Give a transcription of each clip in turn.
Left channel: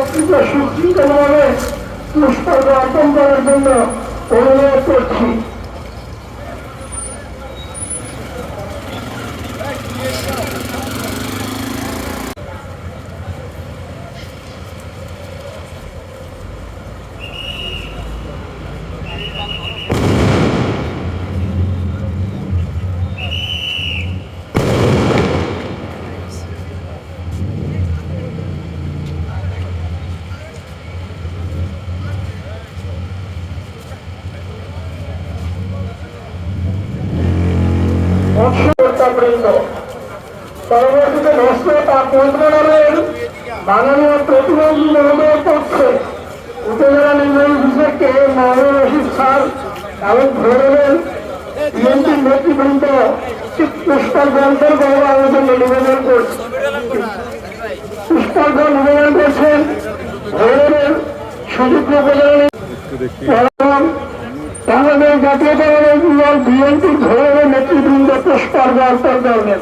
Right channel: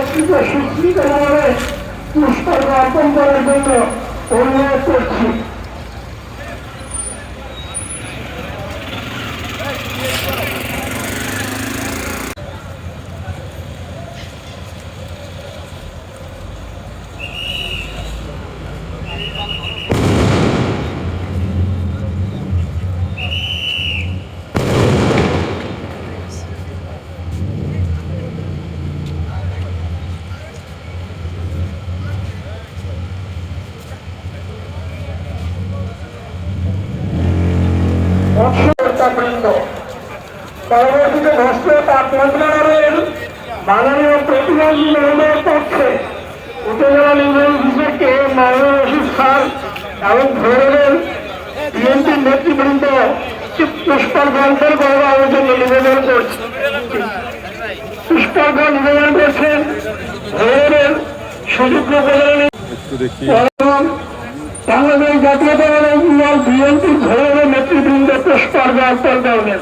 নেতৃত্ব সুশৃঙ্খলভাবে পুষ্পার্ঘ অর্পণ করার জন্য অনুরোধ করছি। পরবর্তীতে রাষ্ট্রীয় তাপ মন্ত্রণালয়ের মাননীয় প্রতিমন্ত্রী মহোদয়ের পক্ষে উপজেলা নির্বাহী বিভাগকে মাহমুদ রশিদ খান এবং ধরেনের বিএনপির নেতৃবৃন্দ পুষ্পার্ঘ অর্পণ করার আয়োজনে নিবেদন করছে। পুষ্পার্ঘ নিবেদন করছেন ধরেনের সুযোগ্য বাংলাদেশ জাতীয়তাবাদী দল বিএনপির ধরেনের নেতৃবৃন্দ পুষ্পার্ঘ অর্পণ করবেন।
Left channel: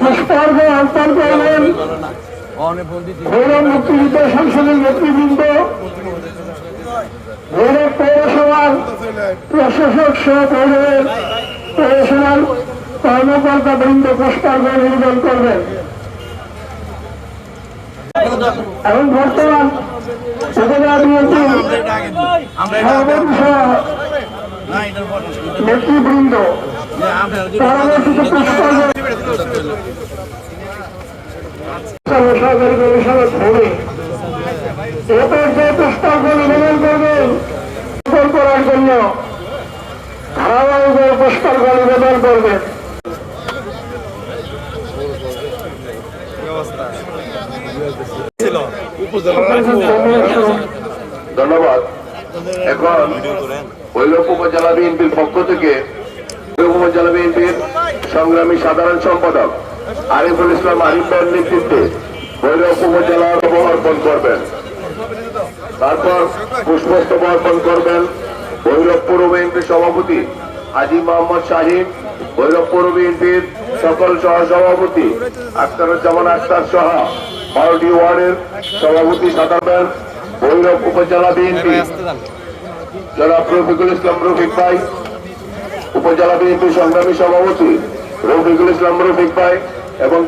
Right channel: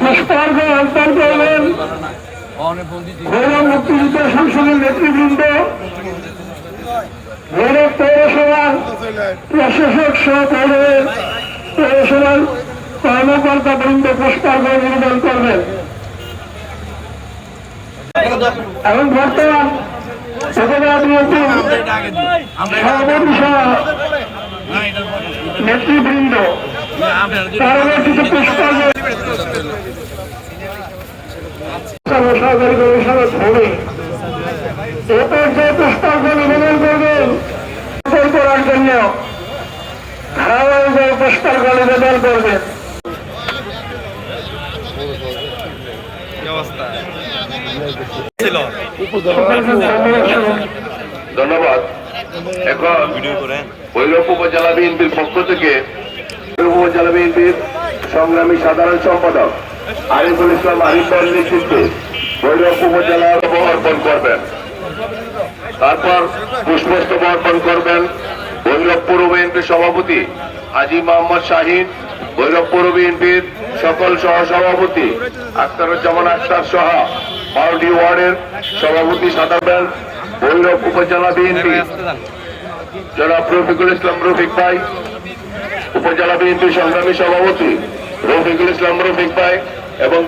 পুষ্পার্ঘ অর্পণ করবেন ভৈরব মুক্তিযুদ্ধ সংসদের নেতৃবৃন্দ, ভৈরব পৌরসভার প্রশাসক সহ ভৈরবের পৌরসভার কর্মকর্তা বৃন্দ পুষ্পার্ঘ নিবেদন করবেন। এবং বর্তমান উপজেলা বিএনপির সভাপতি সহ নেতৃবৃন্দ পরবর্তীতে পুষ্পার্ঘ সরকারি গবেষণা ধরে পুষ্পার্ঘ নিবেদন করবেন করার জন্য ধারাবাহিক পুষ্পার্ঘ নিবেদন করবেন। ধন্যবাদ। এখন ভৈরব উপজেলা বিএনপির পক্ষ থেকে উপজেলা বিএনপির সংগ্রামী সাধারণ সম্পাদক আরিফুল ইসলাম আরিফ ভাইয়ের নেতৃত্বে ভৈরব উপজেলা অর্পণ করবেন। তারপর পুষ্পস্তবক অর্পণ করবেন ভৈরব পৌর বিএনপির সভাপতি হাজী মোহাম্মদ শাহিন, ভৈরব পৌর বিএনপির সকল সহসভাপতি আখতারুজ্জামান আখতার সহ 12টি ওয়ার্ডের সভাপতি সাধারণ ভৈরব উপজেলা বিএনপি জনাব রফিকুল ইসলাম রফিক ভাই, উপজেলা বিএনপি সংগ্রামী সভাপতি রফিকুল ইসলাম রফিক ভাই এবং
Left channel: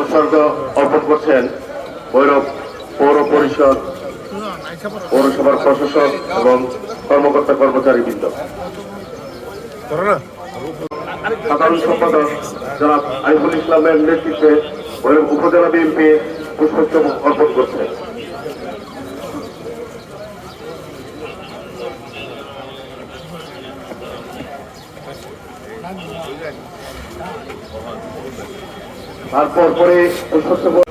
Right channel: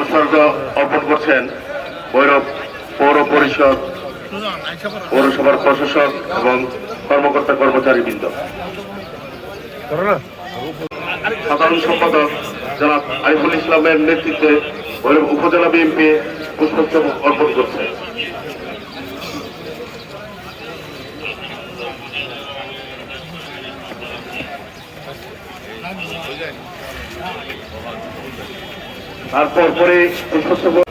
উৎসর্গ অর্পণ করছেন ভৈরব পৌর পরিষদ, পৌরসভার প্রশাসক এবং কর্মকর্তা কর্মচারীবৃন্দ। সাধারণ সম্পাদক জনাব আরিফুল ইসলামের নেতৃত্বে ভৈরব উপজেলা বিএনপি পুষ্পস্তবক অর্পণ করছে। তারপর পরে পুষ্পস্তবক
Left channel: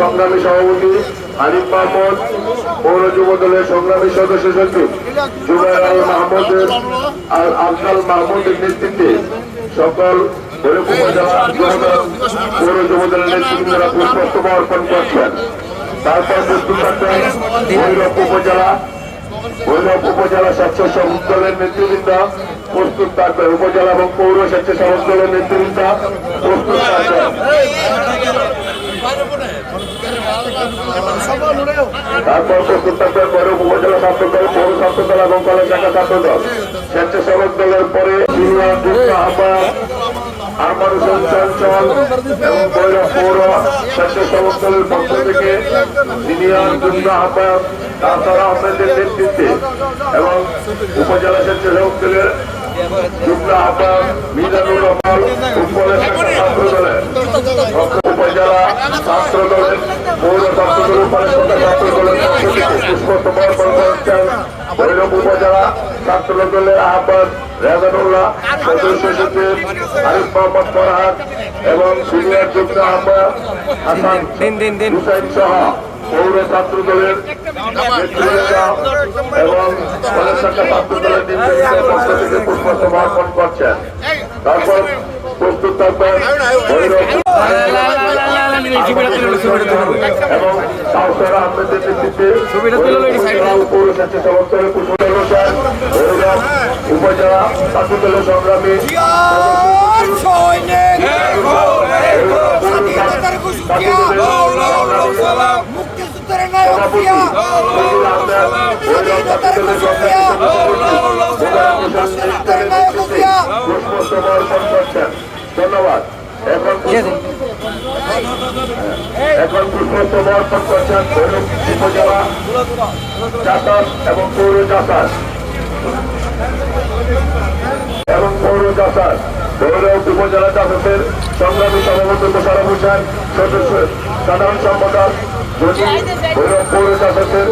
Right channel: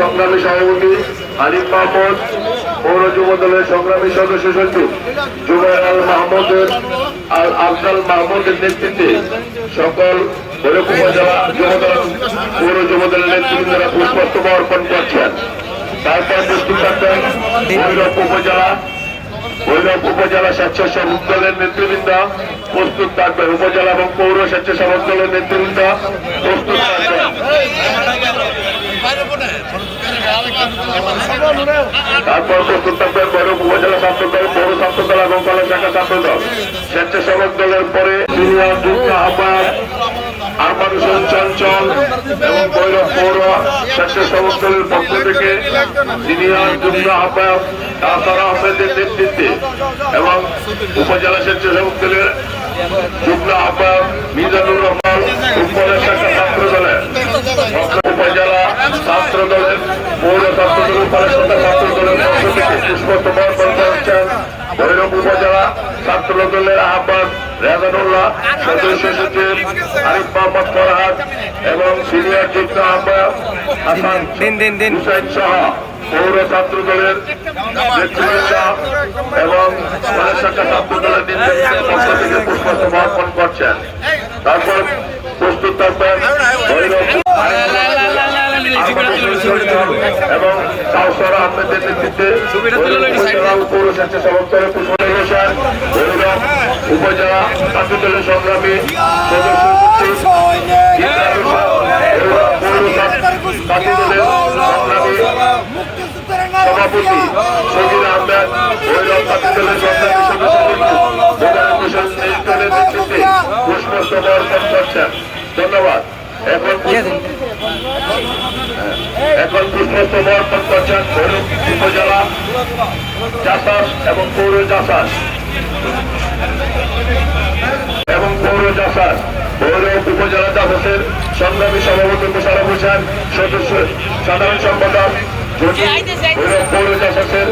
সংগ্রামী সভাপতি আরিফ মাহমুদ, পৌর যুব দলের সংগ্রামী সদস্য সচিব জুবাইর আল মাহমুদের আফজাল মাহমুদের নেতৃত্বে সকল পৌর যুব দলের নেতৃবৃন্দরা পুষ্পস্তবক অর্পণ করছেন। তারপর প্রস্তুত থাকবেন ভৈরব উপজেলা স্বেচ্ছাসেবক দলের নেতৃবৃন্দ প্রস্তুত থাকবেন, উপজেলা এবং পৌর স্বেচ্ছাসেবক দলের নেতৃবৃন্দ প্রস্তুত থাকবেন। তারপর প্রস্তুত থাকবেন ভৈরব উপজেলা ছাত্র দল, পৌর ছাত্র দল এবং কলেজ শাখা ছাত্র দল। স্বেচ্ছাসেবক দলের পরে সিনিয়র যুগ্ম আহ্বায়ক আরমান হোসেন চঞ্চল এবং ভৈরব পৌর স্বেচ্ছাসেবক দলের পক্ষ থেকে সিনিয়র যুগ্ম আহ্বায়ক কাউসার আহমেদের নেতৃত্বে এবং উপজেলা স্বেচ্ছাসেবক দলের যুগ্ম আহ্বায়ক মিজানুর রহমান উপজেলা ছাত্র দলের ছাত্র দলের পৌর ছাত্র দলের ছাত্র দলের আহ্বায়ক রেজানুল্লাহ, সদস্য সচিব আরিফ মোহাম্মদ ফরহাদ এবং সিনিয়র যুগ্ম আহ্বায়ক হাসান হুসাইন সহ পৌর ছাত্র দলের নেতৃবৃন্দ এবং কলেজ শাখা ছাত্র দলের নির্বাচনের পক্ষ থেকে পুষ্পস্তবক অর্পণ করছেন। তারপর প্রস্তুত থাকবেন এবং কাউসার আহমেদের নেতৃত্বে পৌর স্বেচ্ছাসেবক দলের কুশলের হোসেন, উপজেলা ছাত্র দলের সংগ্রামী সভাপতি সজিল আহমেদ পুষ্পস্তবক অর্পণ করছেন। ধন্যবাদ। এখন পুষ্পস্তবক অর্পণ করছেন উপজেলা জাসাস এবং পৌর জাসাস পৌর উপজেলা জাসাসের সংগ্রামী সভাপতি মোশাররফ হোসেন, সদস্য সাধারণ সম্পাদক পৌর জাসাসের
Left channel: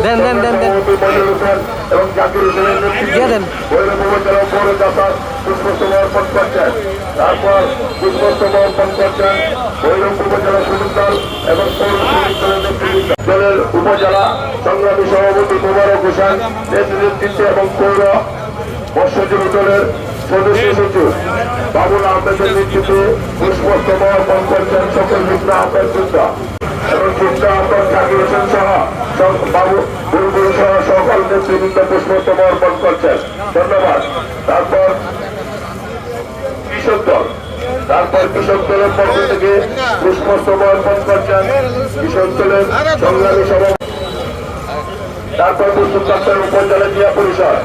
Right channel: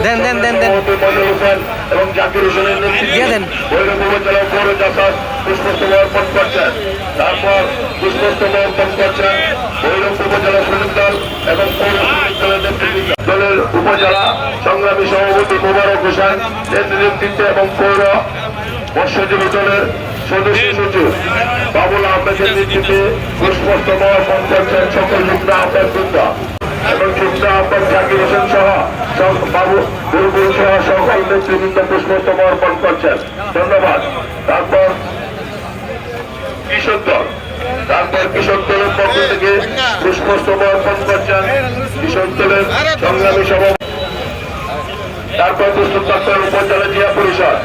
মনির হোসেন এবং জাকির হোসেনের নেতৃত্বে ভৈরব উপজেলা পৌর জাসাস পুষ্পস্তবক অর্পণ করছেন। তারপর পুষ্পস্তবক অর্পণ করছেন ভৈরব উপজেলা শ্রমিক দল এবং পৌর শ্রমিক দলের নেতৃবৃন্দ। দলের উপজেলা সংগ্রামী সভাপতি মোবারক হোসেন এর নেতৃত্বে এবং পৌর মৎস্যজীবী দলের সদস্য সচিব বাবুল আহমেদের নেতৃত্বে পুষ্পস্তবক অর্পণ করছেন সকল যুগ্ম আহ্বায়ক এবং যুগ্ম আহ্বায়ক জাকির হোসেন সহ বাবু বুলবুল সহ সকল নেতৃবৃন্দ পুষ্পস্তবক অর্পণ করছেন। ধন্যবাদ। তারপর কৃষক দলের পক্ষ থেকে পুষ্পস্তবক অর্পণ করছেন কৃষক দলের সংগ্রামী সভাপতি। তারপর প্রস্তুত থাকবেন উপজেলা জিয়া পরিষদ,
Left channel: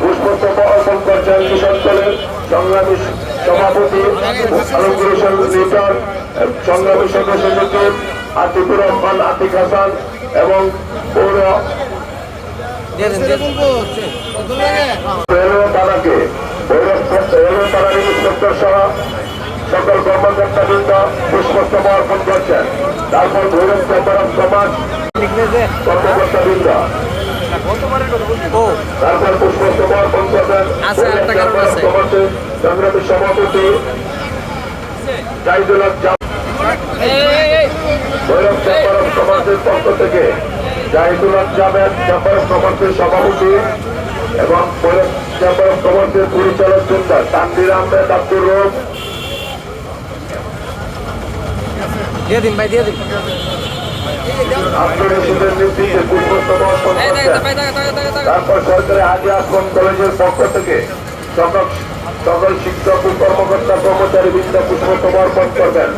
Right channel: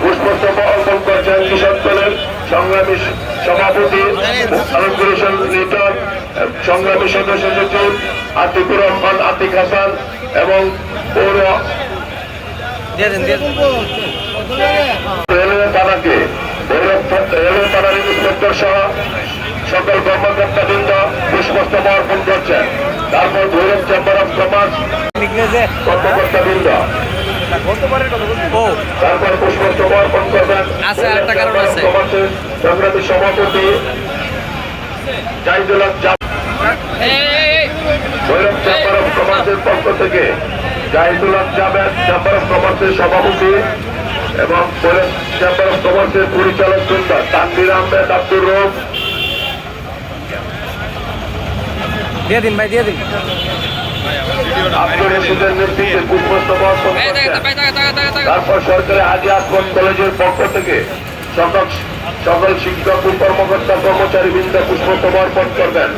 পুষ্পস্তবক অর্পণ করছেন কৃষক দলের সংগ্রামী সভাপতি আলমগীর হোসেন লিটন, সংগ্রামী সদস্য সচিব আতিকুর রহমান আতিক হাসান এবং পৌর থানার ইন্সপেক্টর সহ সকল কর্মকর্তাবৃন্দ পুষ্পস্তবক অর্পণ করছেন। তারপর ভৈরব চেম্বার অফ কমার্স কর্মকর্তাবৃন্দ তারপর পুষ্পস্তবক অর্পণ করবেন সংগ্রামী সভাপতি জাহিদুল হক। ভৈরব চেম্বার অফ কমার্সের পক্ষ থেকে জাহিদুল হক জাভেদ চেম্বার অফ কমার্সের সভাপতি এবং ভৈরব চেম্বার অফ কমার্সের পরিচালক বৃন্দ তানভীর আহমেদ আব্দুর রউফ আব্দুর রশিদের নেতৃত্বে পুষ্পস্তবক অর্পণ করছেন। তারপর সরকারি হাজী আসমান কলেজের পক্ষ থেকে সকল শিক্ষক ও কর্মকর্তা কর্মচারী বৃন্দ পুষ্পস্তবক অর্পণ করবেন।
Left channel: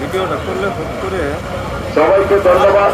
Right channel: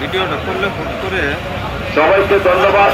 ভিডিওটা করলে ফোন করে সবাইকে ধন্যবাদ।